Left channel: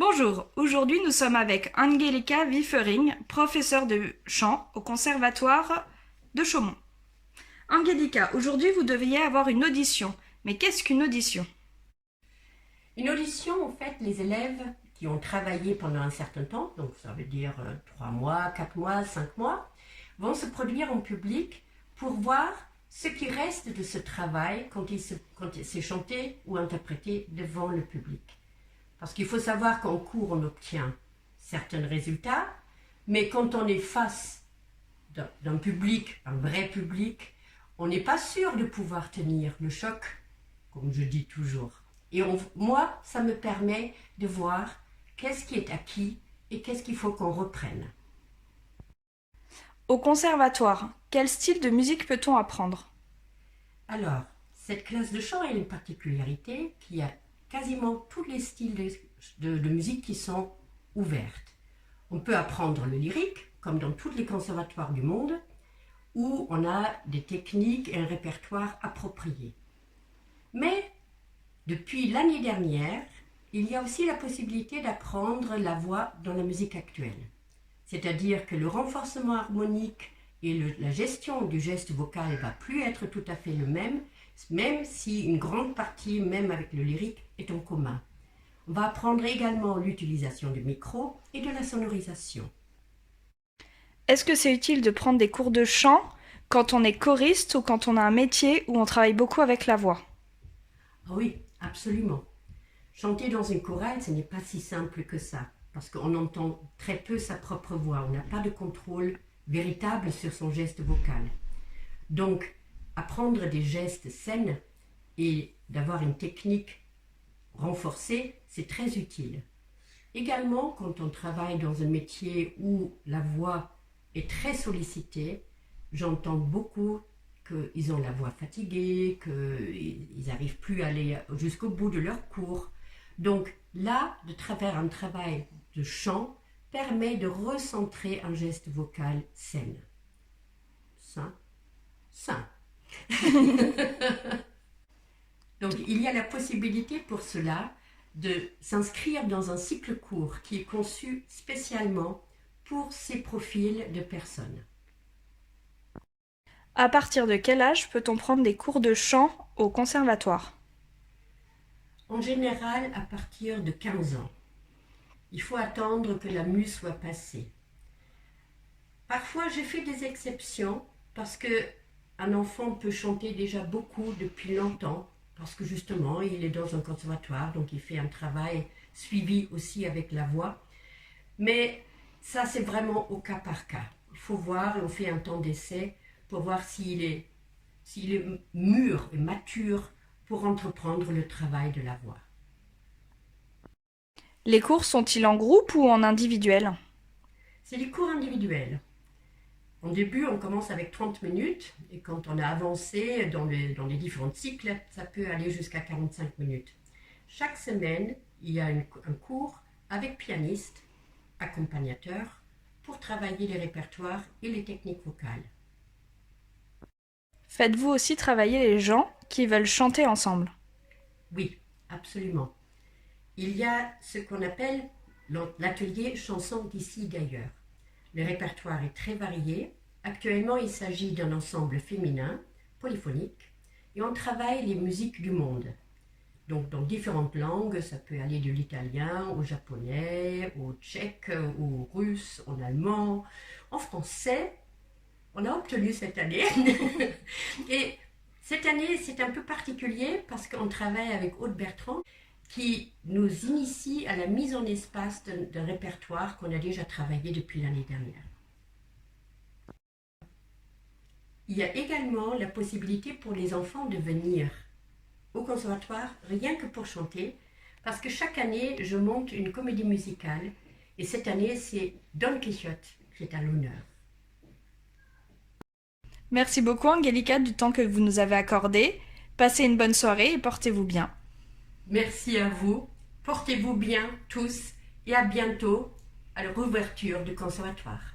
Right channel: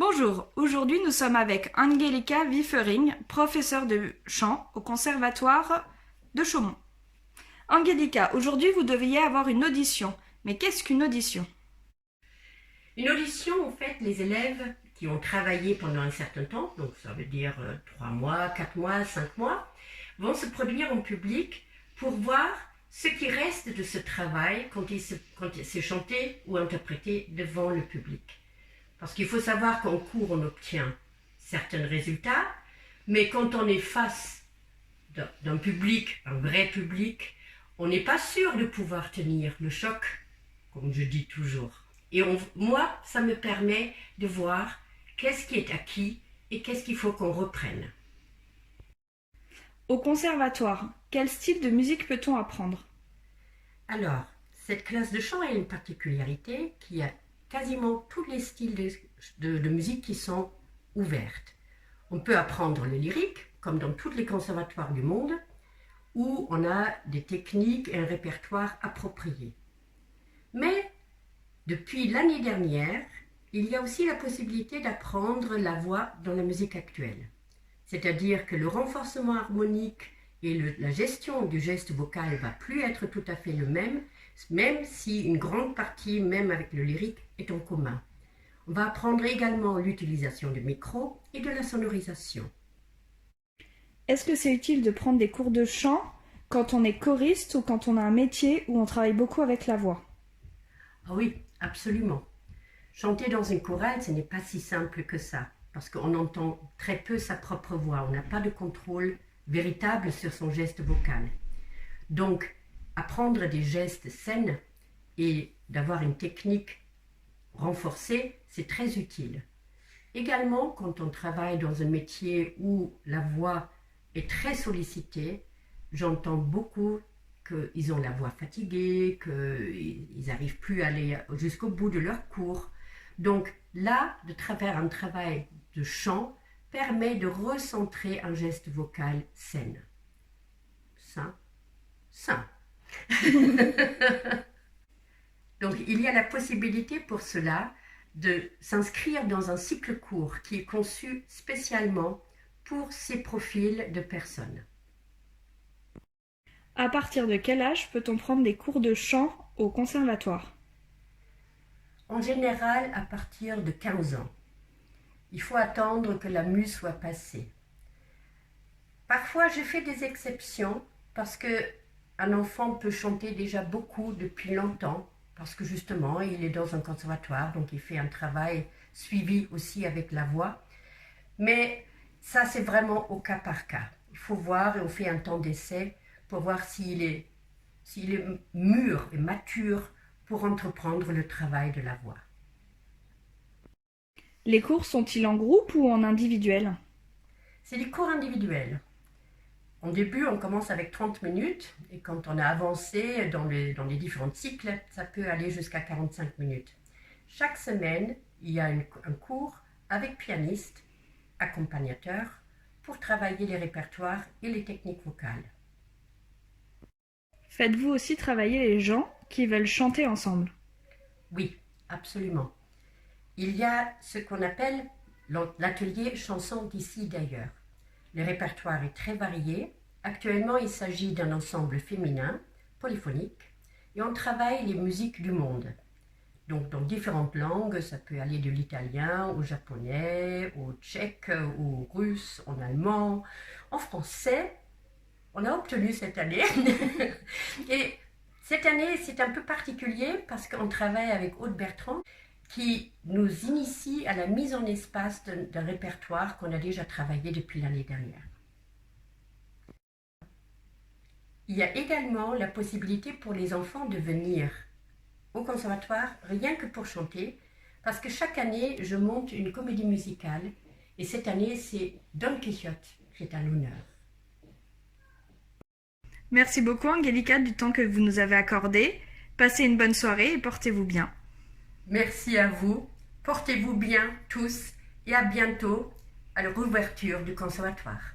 Bonjour, aujourd'hui nous sommes avec Angelika Wiefering, professeure de chant au Conservatoire de Chaumont. Angelika, aujourd'hui vous deviez avoir une audition. Mais qu'est-ce qu'une audition? Une audition, en fait, les élèves qui ont travaillé pendant un certain temps, donc ça veut dire 3 mois, 4 mois, 5 mois, vont se produire en public pour voir ce qui reste de ce travail quand c'est chanté ou interprété devant le public. Parce qu'il faut savoir qu'en cours, on obtient certains résultats, mais quand on est face d'un public, un vrai public, on n'est pas sûr de pouvoir tenir le choc, comme je dis toujours. Et moi, ça me permet de voir qu'est-ce qui est acquis et qu'est-ce qu'il faut qu'on reprenne. Au conservatoire, quel style de musique peut-on apprendre? Alors, cette classe de chant a une particularité qui a quasiment tous les styles de musique qui sont ouvertes. On peut apprendre le lyrique, comme dans tous les conservatoires du monde, où on a des techniques et un répertoire approprié. Mais depuis l'année dernière, il y a aussi la possibilité d'apprendre la voix dans la musique actuelle. C'est-à-dire que le renforcement harmonique et la gestion du geste vocal ne va plus être tout à fait le même si une grande partie, même avec le lyrique, est en commun. On va apprendre également l'utilisation du micro et de la sonorisation. Est-ce que c'est utile de prendre des cours de chant quand on est choriste ou quand on a un métier où on travaille beaucoup avec la voix? Ah oui, absolument. Chanter dans une chorale, ce n'est pas si simple que ça, parce qu'on entend très peu sa propre voix. On n'a pas de contrôle véritable sur son geste vocal. Donc, apprendre des gestes sains et d'avoir une technique renforcée, c'est très utile. Également, quand on travaille dans un métier où la voix est très sollicitée, j'entends beaucoup qu'ils ont la voix fatiguée, qu'ils n'arrivent plus à aller jusqu'au bout de leur cours. Donc là, de travers un travail de chant, permet de recentrer un geste vocal sain. Sain. Donc il y a la possibilité pour cela de s'inscrire dans un cycle court qui est conçu spécialement pour ces profils de personnes. À partir de quel âge peut-on prendre des cours de chant au conservatoire? En général, à partir de 15 ans. Il faut attendre que la mue soit passée. Parfois, j'ai fait des exceptions parce qu'un enfant peut chanter déjà beaucoup depuis longtemps, parce que justement, il est dans un conservatoire, donc il fait un travail suivi aussi avec la voix. Mais ça, c'est vraiment au cas par cas. Il faut voir et on fait un temps d'essai pour voir s'il est mûr et mature pour entreprendre le travail de la voix. Les cours sont-ils en groupe ou en individuel? C'est des cours individuels. En début, on commence avec 30 minutes et quand on a avancé dans les différents cycles, ça peut aller jusqu'à 45 minutes. Chaque semaine, il y a un cours avec pianiste, accompagnateur, pour travailler les répertoires et les techniques vocales. Faites-vous aussi travailler les gens qui veulent chanter ensemble? Oui, absolument. Il y a ce qu'on appelle l'atelier chanson d'ici d'ailleurs. Le répertoire est très varié. Actuellement, il s'agit d'un ensemble féminin, polyphonique, et on travaille les musiques du monde. Donc, dans différentes langues, ça peut aller de l'italien au japonais, au tchèque, au russe, en allemand, en français. On a obtenu cette année. Et cette année, c'est un peu particulier parce qu'on travaille avec Aude Bertrand qui nous initie à la mise en espace d'un répertoire qu'on a déjà travaillé depuis l'année dernière. Il y a également la possibilité pour les enfants de venir au conservatoire rien que pour chanter, parce que chaque année, je monte une comédie musicale et cette année, c'est Don Quichotte qui est à l'honneur. Merci beaucoup Angelika du temps que vous nous avez accordé. Passez une bonne soirée et portez-vous bien. Merci à vous, portez-vous bien tous et à bientôt à la réouverture du conservatoire.